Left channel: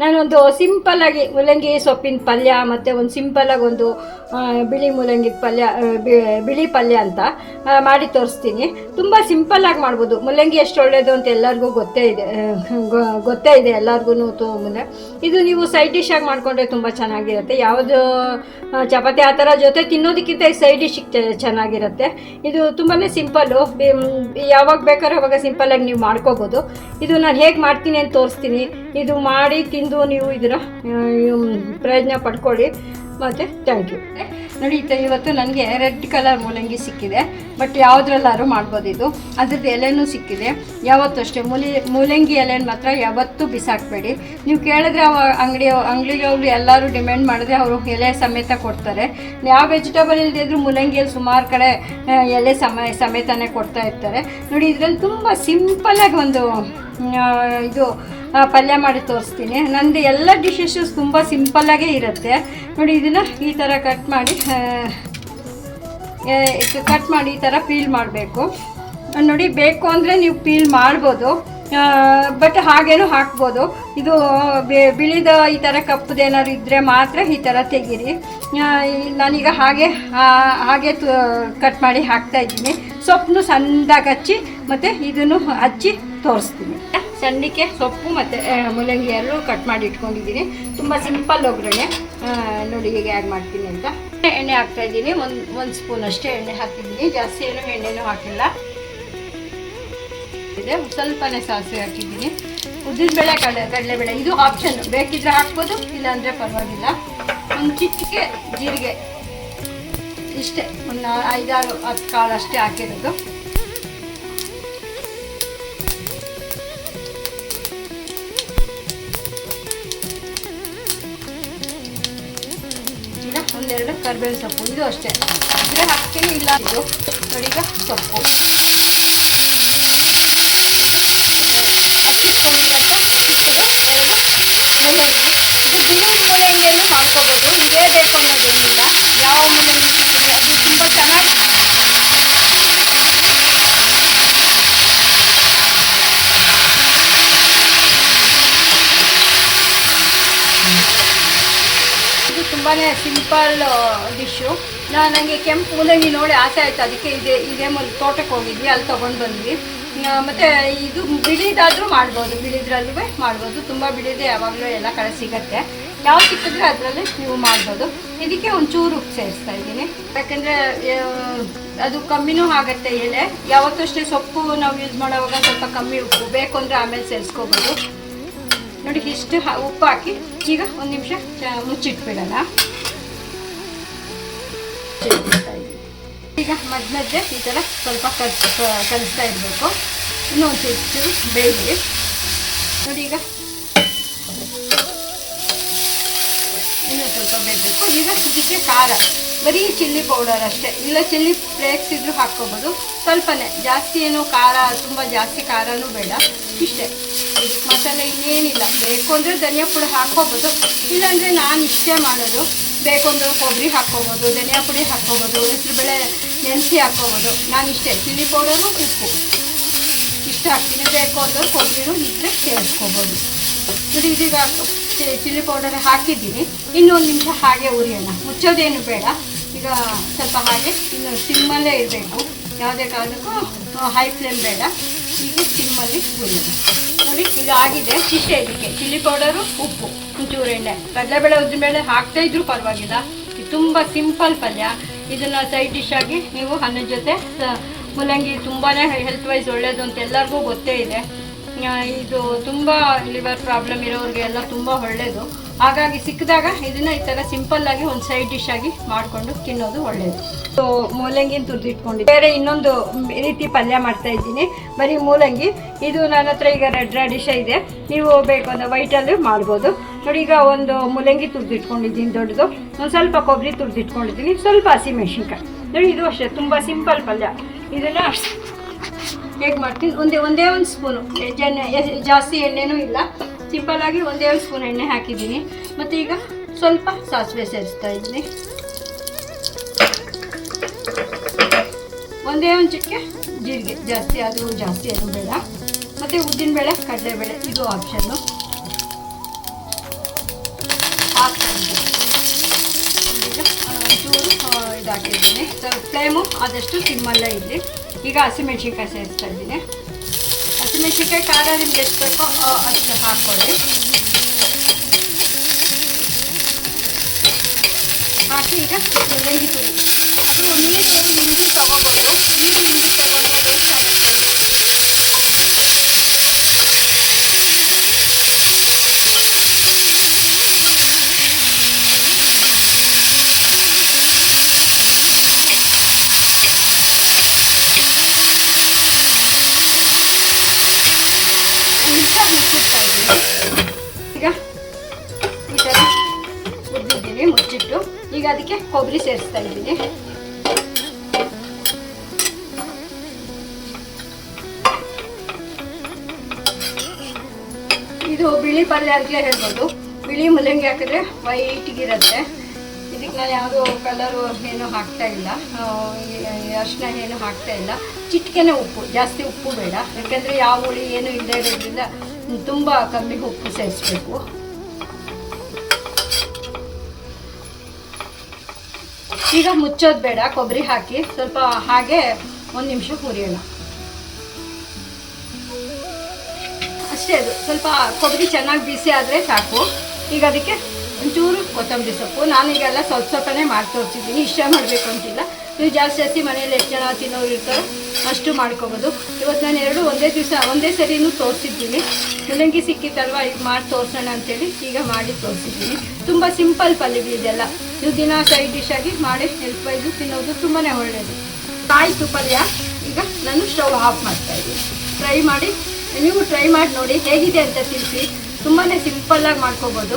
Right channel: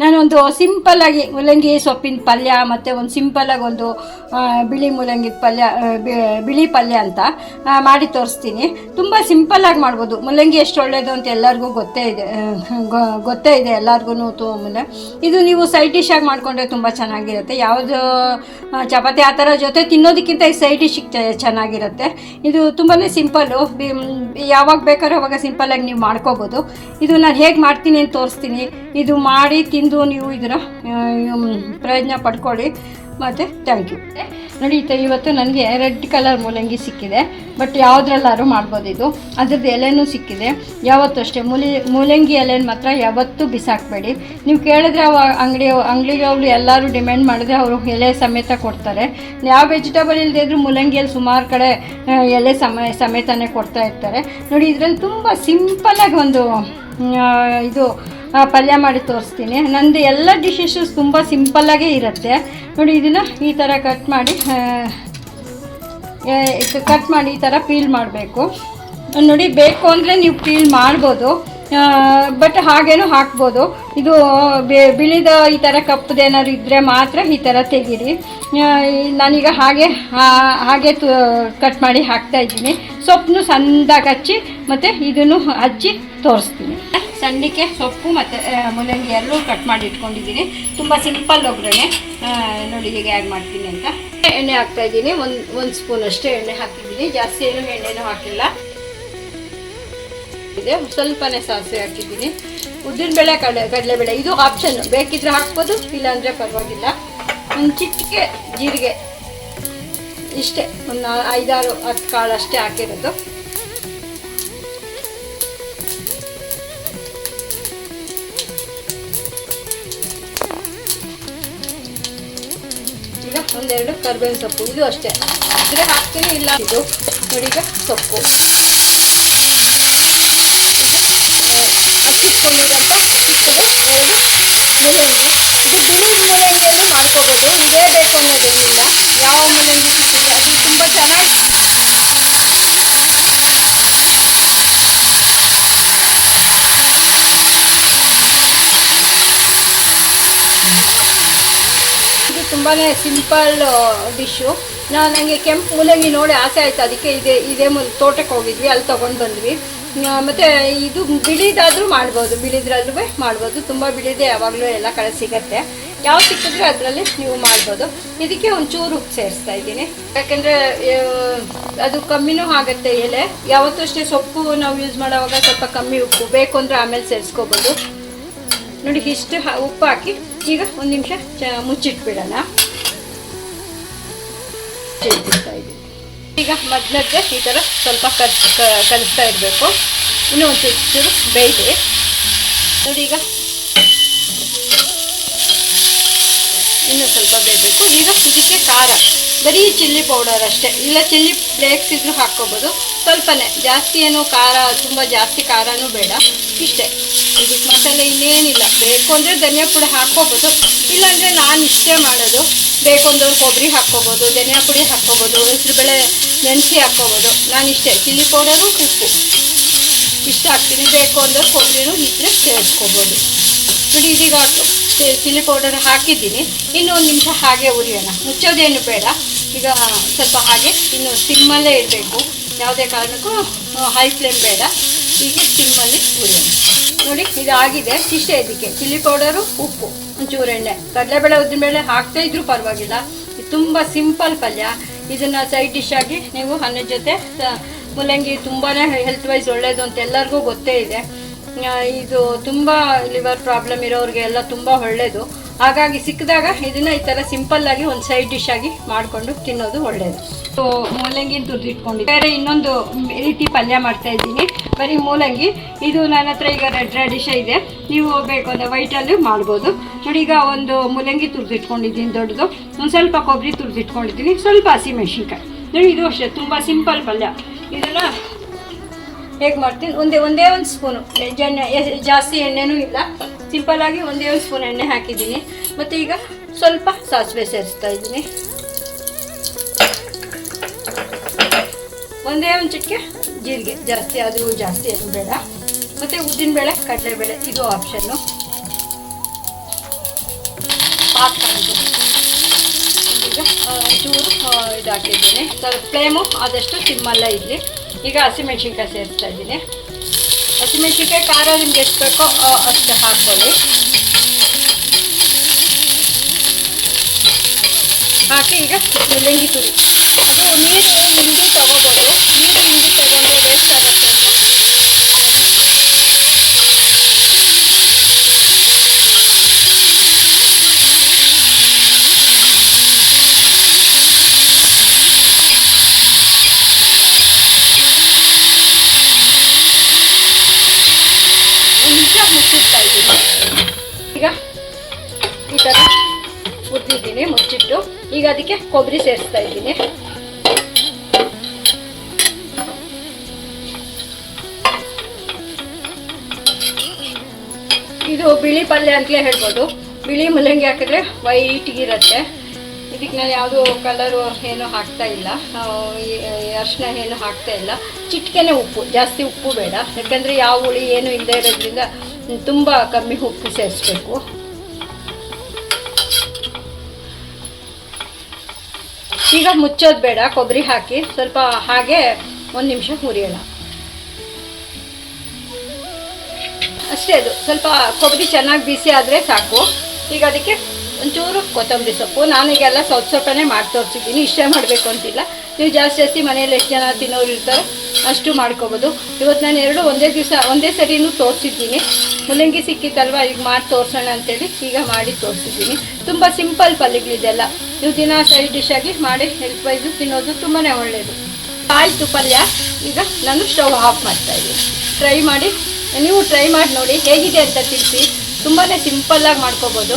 ನಾನೊಂದು ಸಿಂಪಲ್ಲಾಗಿ ಮೂಲಂಗಿ ಸೊಪ್ಪಿನ ಪಲ್ಯ ಮತ್ತು ಒಂದು ಸಿಂಪಲ್ಲಾಗಿ ಒಂದು ಬಿಳಿ ಮೂಲಂಗಿ ಪಲ್ಯ ಬಿಳಿ ಪಲ್ಯ ಅಂತ ಮಾಡಿ ತೋರಿಸ್ತೀನಿ. ತುಂಬ ಸಿಂಪಲ್ಲಾಗಿ ಮಾಡ್ಬೋದು. ಮೂಲಂಗಿ ಎಷ್ಟು ಒಳ್ಳೆಯದು ಅಂತ ಎಲ್ಲರಿಗೂ ಗೊತ್ತೇ ಇದೆ ಎಲ್ಲರಿಗೂ. ಇದು ನೀವು ಸೈಡ್ ಡಿಶ್ ಆಗಿ ಮಾಡಿಕೊಂಡ್ರೆ ತುಂಬ ಚೆನ್ನಾಗಿರುತ್ತೆ. ಯಾವುದು ಚಪಾತಿ ಆ ಥರ ಜೊತೆ ತಿನ್ನೋದಕ್ಕಿಂತ ಈ ಸೈಡ್ ಡಿಶ್ಗೆ ಚೆನ್ನಾಗಿರುತ್ತೆ. ಇದು ತುಂಬಾ ಸಿಂಪಲ್ಲು, ಯಾವಾಗ ಬೇಕಾದ್ರೂ ಅವಾಗ ಸಿಂಪಲ್ಲಾಗಿ ನೀವು ಮಾಡ್ಕೋಬೋದು. ಇದು ನಾನು ಹೇಗೆ ಮಾಡ್ತೀನಿ ಅಂತ ತೋರಿಸ್ತೀನಿ. ಇದು ಮಾಡಿ ತಿಂದು ನೀವು ಇದರ ಪ್ರಯೋಜನ ಪಡ್ಕೊಳ್ಳಿ. ಮತ್ತು ಥ್ಯಾಂಕ್ ಯು. ನೋಡಿ ಇವತ್ತು ನನಗೆ ರೆಡ್ ಕಲರ್ ಮೂಲಂಗಿ ಸಿಕ್ಕಿದೆ, ಬಟ್ ಯಾವುದ್ರಲ್ಲಾದ್ರೂ ಮಾಡ್ಬೋದು. ಇದು ಅದ್ರದ್ದು ಎಲೆನೂ ಸಿಕ್ಕಿದೆ. ಯಾವತ್ತೂ ಅಷ್ಟೇ ಮೂಲಂಗಿ ಎಲೆನ ಮಾತ್ರ ಯಾವತ್ತೂ ಬಿಸಾಕಬೇಡಿ. ನೀವು ಕೇಳಿದ್ರೆ ಅಂಗಡಿಗಳು ಎಲ್ಲರೂ ಡಿಮ್ಯಾಂಡ್ ಮಾಡಿದ್ರೆ ಅವರು ಎಲೆ ಸಮೇತ ಕೊಡ್ತಾರೆ. ಯಾವ ವೆಜಿಟೇಬಲ್ ಇಲ್ಲದೆ ಇದ್ರೂ ಮೂಲಂಗಿಯಲ್ಲಿ ಸುಮಾರು ಕಡೆ ಎಲೆ ಸಮೇತನೇ ಕೊಡ್ತಾ ಇರ್ತಾರೆ. ನೋಡಿ ಇದರಲ್ಲಿ ತುಂಬ ಸಿಂಪಲ್ಲಾಗಿ ಒಂದು ಇದು ಪಲ್ಯ ಮಾಡಿ ತೋರಿಸ್ತೀನಿ. ನಂದು ಎಲ್ಲ ಡಿಶಸ್ಸು ತುಂಬ ಸಿಂಪಲ್ಲಾಗೇ ಇರುತ್ತೆ. ನೋಡಿ ಇದನ್ನು ಈ ಥರ ಕಟ್ ಮಾಡಿ ಈ ಥರ ಪೀಲ್ ಮಾಡಬೇಕು. ನೋಡಿ ಬೇಕು ಅಂದರೆ ನೀವು ಪೀಲ್ ಮಾಡ್ಬೋದು, ಬಟ್ ಹಾಗೇನೂ ಹಾಕ್ಬೋದು. ಇದು ಬಿಳಿದ ಈ ಥರ ಕಪ್ಪದೇನಾದ್ರು ಇದ್ದರೆ ಮಾತ್ರ ಈ ಥರ ತೆಗೀರಿ. ನಾನೀಗ ಹಾಗೆ ಕಟ್ ಮಾಡಿ ಹಾಕ್ತಾಯಿದ್ದೀನಿ. ಸೊಪ್ಪನ್ನು ಸಣ್ಣದಾಗಿ ಹಚ್ಚಿ ಮತ್ತು ಇದನ್ನು ಹಚ್ಚಿ ತೋರಿಸ್ತೀನಿ. ಸಣ್ಣಕ್ಕೆ ಸೊಪ್ಪು ಮತ್ತು ಮೂಲಂಗಿ ಎಲ್ಲೂ ಕಟ್ ಮಾಡಿ ಇಟ್ಕೊಂಡಿದ್ದೀನಿ. ತುಂಬ ಸಿಂಪಲ್ ಒಗ್ಗರಣೆ. ನೋಡಿ ಹೇಗೆ ಹೇಗೆ ಮಾಡ್ತೀನಿ ಅಂತ. ಎಣ್ಣೆ ಹಾಕ್ತಾಯಿದ್ದೀನಿ. ಒಂದು ಸ್ಪೂನ್ ಅಷ್ಟೇ ಎಣ್ಣೆ ಹಾಕಿದ್ದೀನಿ, ಜಾಸ್ತಿ ಏನು ಎಣ್ಣೆನೂ ಹಾಕಿಲ್ಲ. ಇದೆ ಸ್ವಲ್ಪನೇ ಸಾಸಿವೆ ಹಾಕಿದ್ದೀನಿ. ಉದ್ದಿನಬೇಳೆ ಕಡಲೆಬೇಳೆ ಇದು ಆಪ್ಷನ್, ಬೇಕಿದ್ರೆ ಹಾಕ್ಬೋದು, ಇಲ್ಲಾಂದರೆ ಪರವಾಗಿಲ್ಲ. ಒಂದು ಚಿಟಿಕೆ ಜೀರಿಗೆ, ಇಷ್ಟೇ ಒಂದು 5-6 ಕಾಳು ಅಷ್ಟೇ ಹಾಕಿರೋದು. ಈಗ ಒಂದೆರಡು ಕರಿಬೇವಿನ ಸೊಪ್ಪು, ಇದು ಅಷ್ಟೇ ಇದ್ರೆ ಹಾಕ್ತೀನಿ, ಇಲ್ಲ ಇದು ನೋಡಿ. ಈಗ ಸೊಪ್ಪು ಹಚ್ಚಿಟ್ಕೊಂಡಿರೋಂಥ ಎರಡು ಮೂಲಂಗಿ. ಇದು ಬಿಳಿ ಮೂಲಂಗಿಯಲ್ಲೂ ಮಾಡ್ಕೋಬೋದು, ಇದೇ ಬೇಕು ಅನ್ನೋದೇನಿಲ್ಲ. ಯಾವ ಮೂಲಂಗಿ ಸಿಗ್ತದೆ ಅದು ತುಂಬ ಚೆನ್ನಾಗಿ ತುಂಬಾ ಸಿಂಪಲ್ ಡಿಶ್ಶು. ನನಗೆ ಕೆಂಪು ಮೂಲಂಗಿ ನೋಡಿ ಆಸೆ ಆಯಿತು, ಅದಕ್ಕೆ ಇದೇ ತೋಟಕ್ಕೆ ಹೋಗಿದ್ವಿ, ಅಲ್ಲಿ ತೊಗೊಂಡು ಬಂದ್ವಿ. ಮತ್ತು ಇದು ಬಿಳಿದಾದರೂ ಮಾಡ್ಬೋದು, ಬಿಳಿದ್ರಲ್ಲೂ ಮಾಡ್ಬೋದು. ತುಂಬ ಬಿಳಿದೆ ಯಾವಾಗಲೂ ಎಲ್ಲ ಕಡೆ ಸಿಗುತ್ತೆ. ಯಾವ ಸಿಕ್ಕಿದ್ರೆ ಅದರಲ್ಲಿ ನೀವು ಮಾಡ್ಬೋದು. ಇದಕ್ಕೆ ಒಂಚೂರು ಉಪ್ಪು ಸೇರಿಸ್ತಾ ಇದ್ದೀನಿ, ಯಾಕೆಂದರೆ ಅದು ಕಮ್ಮಿನೂ ಆಗುತ್ತೆ ಎಲೆ. ಯಾವತ್ತೂ ಅಷ್ಟೇ ಸೊಪ್ಪು ನಾವು ಯೂಸ್ ಮಾಡೋವಾಗ ಸ್ವಲ್ಪ ಕಮ್ಮಿ ಉಪ್ಪು, ಬೇಕು ಅಂದರೆ ಆಮೇಲೆ ಸೇರಿಸ್ಕೋಬೋದು. ನೋಡಿ ಇಷ್ಟು ಉಪ್ಪು ಹಾಕಿ ಈಗ ಒಂದು ನಿಮಿಷ ಮುಚ್ಚಿಟ್ಬಿಡೋಣ. ಈಗ ಮಧ್ಯೆ ಈ ಥರ ಸ್ವಲ್ಪ ಕಲಿಸ್ತಾ ಇರಬೇಕು. ಇನ್ನೂ ಒಂದು ಚೂರು ಬೇಯಿಸಿ. ನೋಡಿ ಈಗ ಇನ್ನೂ ಸ್ವಲ್ಪ ಬೇಯಬೇಕು. ಈಗ ಇದಕ್ಕೆ ಖಾರ, ಬರೀ ಚಿಲ್ಲಿ ಪೌಡರ್ ಅಷ್ಟೇ, ಇಲ್ಲ ಚಿಲ್ಲಿ ಫ್ಲೇಕ್ಸ್ ಇದ್ರೂ ಹಾಕ್ಕೋಬೋದು. ಸ್ವಲ್ಪನೇ, ಜಾಸ್ತಿ ಏನು ಖಾರ ತುಂಬ ಜಾಸ್ತಿ ಖಾರನೂ ಬೇಡ, ಇಷ್ಟೇ. ಇದಕ್ಕೆ ಮಸಾಲೆ ಇನ್ನೇನಿಲ್ಲ. ಬೇಕು ಅಂದರೆ ಧನಿಯಾ ಪುಡಿ ಹಾಕ್ಕೋಬೋದು, ಇಲ್ಲಾಂದರೆ ನಾನು ಇಷ್ಟೇ ಮಾಡೋದು. ಬೇಕು ಅಂದರೆ ಕೊಬ್ಬರಿ ಹಾಕ್ಕೋಬೋದು, ಧನಿಯಾ ಪುಡಿ ಹಾಕ್ಕೋಬೋದು, ಹೆಸರುಬೇಳೆ ನೆನೆಸಿ ಹಾಕ್ಕೋಬೋದು. ನಾನು ಇಷ್ಟೇ ಚಿಲ್ಲಿ ಪೌಡರು ಉಪ್ಪು ಇಷ್ಟು ಹಾಕ್ತೀನಿ. ಬೇಕು ಅಂದರೆ ಕೊಬ್ಬರಿನೂ ಇದ್ದರೆ ಸೇರಿಸ್ಕೋಬೋದು. ನೋಡಿ ಇದೀಗ ಚಿಲ್ಲಿ ಪೌಡರ್ ಹಾಕಿದ್ದೀನಿ. ಇನ್ನೊಂದು ನಿಮಿಷ ಹಾಗೆ ಉರಿಯೋಣ, ಮುಚ್ಚೋದೇನು ಬೇಡ. ಈಗ ಸ್ವಲ್ಪ ಹಾಗೆ ಇನ್ನು ಸಿಮ್ಮಲ್ಲೇ ಇರಬೇಕು, ಯಾವುದೇ ಕಾರಣಕ್ಕೂ ಹೈ ಫ್ಲೇಮ್ ಬೇಡ. ಹೀಗೆ ಸಿಮ್ಮಲ್ಲಿ ಉರಿಯೋಣ. ನೋಡಿ ಇದು ಆಗಿದೆ, ಇಷ್ಟೇ. ಇದಕ್ಕೆ ಚಿಲ್ಲಿ ಪೌಡರು, ಉಪ್ಪು, ಒಂಚೂರು ಎಣ್ಣೆ, ಕಡಲೆಬೇಳೆ ಉದ್ದಿನಬೇಳೆ ಹಾಕ್ತಾ ಇದ್ರೂ ಪರವಾಗಿಲ್ಲ. ಇದು ತುಂಬ ಸಿಂಪಲ್ ಪಲ್ಯ. ಇದನ್ನು ಸೈಡ್ ಡಿಶ್ ಆಗಿ ನೀವು ಅನ್ನದ ಜೊತೆ, ಮೂಲಂಗಿ ತುಂಬಾ ಹೆಲ್ತ್ ವೈಸ್ ಒಳ್ಳೆಯದು ಅಂತ ಎಲ್ಲರಿಗೂ ಗೊತ್ತೇ ಇದೆ. ಇದು ತುಂಬ ಲಿವರ್ ಪ್ರಾಬ್ಲಮ್ ಇರೋರಿಗೆ ಎಲ್ಲ ತುಂಬ ಒಳ್ಳೆಯದು. ಹಾಗಾಗಿ ಸಿಕ್ಕಿದಾಗ ಇದನ್ನು ಈ ಥರ ಸಿಂಪಲ್ಲಾಗಿ ಒಂದು ಸೈಡ್ ಡಿಶ್ ಆಗಿ ಮಾಡಿಕೊಂಡು ತಿನ್ನೋದು ಒಳ್ಳೆಯದು. ಮೂಲಂಗಿನ ತುರಿದಿಟ್ಕೊಂಡಿದ್ದೆ. ಬೇರೆ ಇನ್ನೊಂದು ರೀತಿ ಪಲ್ಯ ಮಾಡ್ತಾಯಿದ್ದೀನಿ, ಬರೀ ಮೂಲಂಗಿ. ಇದು ನನ್ನ ಹತ್ರ ಈಗ ರೆಡ್ ರ್ಯಾಡಿಶ ಇದೆ, ನೀವು ಬೇಕು ಅಂದರೆ ವೈಟಲ್ಲಿ ಮಾಡ್ಬೋದು. ನೋಡಿ ಈಗ ಒಂದು ಮೂಲಂಗಿ ತುರಿದಿಟ್ಕೊಂಡಿದ್ದೀನಿ ದೊಡ್ಡದು, ಒಂದು ಸ್ವಲ್ಪ ಕೊಬ್ಬರಿ ತುರಿದಿಟ್ಕೊಂಡಿದ್ದೀನಿ, ಸ್ವಲ್ಪ ಹಸಿಮೆಣ್ಸಿನ್ಕಾಯಿ. ನೋಡಿ ಇದು ಅಷ್ಟೇ ತುಂಬ ಸಿಂಪಲ್ ಪಲ್ಯ. ಇದನ್ನು ಹೇಗೆ ಮಾಡ್ತೀನಿ, ಒಂದೇ ಒಂದು ಸ್ಪೂನು ಜಾಸ್ತಿ ಎಣ್ಣೆನೂ ಇಲ್ಲ, ಸಿಂಪಲ್ಲಾಗಿ ಒಂದೇ ಒಂದು ಸ್ಪೂನ್ ಎಣ್ಣೆ ಹಾಕಿದ್ದೀನಿ. ಮತ್ತು ಈಗ ಸ್ವಲ್ಪ ಸಾಸಿವೆ ಸೇರಿಸ್ತಾ ಇದ್ದೀನಿ, ಒಂದೇ ಒಂದು ಚಿಟಿಕೆ ಜೀರಿಗೆ, ಜಾಸ್ತಿ ಅದು ಬೇಡ. ಮತ್ತು ಉದ್ದಿನಬೇಳೆ ಕಡಲೆಬೇಳೆ ಇದು ಆಪ್ಷನ್ನು. ಹಾಕ್ಕೊಂಡು ಈಗ ಚೂರು ಇದಾಕಿದ್ದೀನಿ. ಸ್ವಲ್ಪ ಫ್ಲೇಮು ಆದಷ್ಟು ಸಿಮ್ಮಲ್ಲೇ ಇರಲಿ. ಈಗ ಹಸಿಮೆಣ್ಸಿನ್ಕಾಯಿ ಸೇರಿಸ್ತಾ ಇದ್ದೀನಿ. ಹಸಿಮೆಣ್ಸಿನ್ಕಾಯಿ ಖಾರ ನಿಮ್ಗೆ ಎಷ್ಟು ಬೇಕೋ ಅಷ್ಟು ಹಾಕ್ಕೊಳ್ಳಿ. ಹಾಕಿ ಈಗ ಮೂಲಂಗಿ ಪುಡಿ, ಅದು ನೀರು ಹಿಂಡಿ ತೊಗೋಬೋದು. ನೀರು ಹಿಂಡಿ ತಗೊಂಡ್ರೆ ವೇಸ್ಟ್ ಆಗುತ್ತೆ. ಮುಚ್ಚಿಡ್ತಾ ಇದ್ದೀನಿ. ಈಗ ಈ ಥರ ಹುರಿದಿದ್ದೀನಿ ಮುಚ್ಚಿಟ್ಟು. ಈಗ ಅದಕ್ಕೆ ಕೊಬ್ಬರಿ ಸೇರಿಸ್ತಾ ಇದ್ದೀನಿ. ಇದು ಬಿಳಿ ಪಲ್ಯ ಅಂತಲೇ ಹೇಳ್ಬೋದು. ಬಿಳಿ ಮೂಲಂಗಿ ಹಾಕಿದ್ರೆ ವೈಟಿಗಿರುತ್ತೆ. ಇದಕ್ಕೆ ನಾನು ಯಾವುದೂ ಕಲರು ಏನೂ ಹಾಕ್ತಾ ಇಲ್ಲ, ಅರಿಶಿನ ಏನು ಹಾಕ್ತಾ ಇಲ್ಲ. ಚಿಟಿಕೆನೆ ಉಪ್ಪು, ಜಾಸ್ತಿ ಉಪ್ಪು ಬೇಡ, ಯಾಕಂದರೆ ಯಾವ ಹುಳಿ ಏನು ಇಲ್ಲದೆ ಇರೋದ್ರಿಂದ ತುಂಬ ಕಮ್ಮಿ ಉಪ್ಪು ಸೇರಿಸ್ಬೇಕು. ಈಗ ಮುಚ್ಚೋದು ಬೇಡ, ಕೊಬ್ಬರಿ ಹಾಕಿ ಸ್ವಲ್ಪ ಹಾಗೆ 1 ನಿಮಿಷ ಹುರಿಯೋಣ ಅಷ್ಟೇ. ಅದು ಸ್ವಲ್ಪ ಕೊಬ್ಬರಿ ಚೆನ್ನಾಗಿ ಬಿಸಿ ಆದರೆ ಸಾಕು. ಈಗ ಅದಕ್ಕೆ ಒಂಚೂರು ಕೊತ್ತಂಬರಿ ಸೊಪ್ಪು. ನಾನೀಗೆಲ್ಲ ಸ್ವಲ್ಪನೇ ಮಾಡಿ ತೋರಿಸಿದ್ದೀನಿ, ಇಷ್ಟ ಮಾಡಬೇಕು ಅಂತಿಲ್ಲ. ನೀವು ಜಾಸ್ತಿ ಮನೆಯಲ್ಲಿ ಎಷ್ಟು ಜನ ತಿನ್ನೋರು ಇರ್ತಾರೆ ಅಷ್ಟು ಮಾಡ್ಕೋಬೋದು. ಇವತ್ತು ನಾನು 2 ಒಂದೇ ಸರಿನೂ ತೋರಿಸಿದ್ದೀನಿ. ಮೂಲಂಗಿ ಸಿಕ್ಕಿತ್ತಲ್ವ, ಈಗ ಮಾಡಿ ತೋರಿಸೋಣ ಅಂತೇಳಿ ಈಗ ಮಾಡಿ ತೋರಿಸಿದ್ದೀನಿ. ತುಂಬ ಸಿಂಪಲ್ ಪಲ್ಯಗಳಿದೆಲ್ಲ. ನೀವು ದಿನ ಸೈಡ್ ಡಿಶ್ ಆಗಿ ಮಾಡಿ ಹೆಲ್ತ್ ವೈಸು ತಿನ್ನೋದು ತುಂಬಾ ಒಳ್ಳೆಯದು. ಆಯಿತು ಪಲ್ಯ. ಈಗ ನಾನು ಸ್ಟವ್ ಆಫ್ ಮಾಡ್ತಾಯಿದ್ದೀನಿ. ನೀವು ಟ್ರೈ ಮಾಡಿ ನೋಡಿ ಹೇಗಿದೆ ಅಂತ ತಿಳಿಸಿ. ತುಂಬಾ ಸಿಂಪಲ್ಲಾಗಿ ಮಾಡ್ಕೋಬೋದು.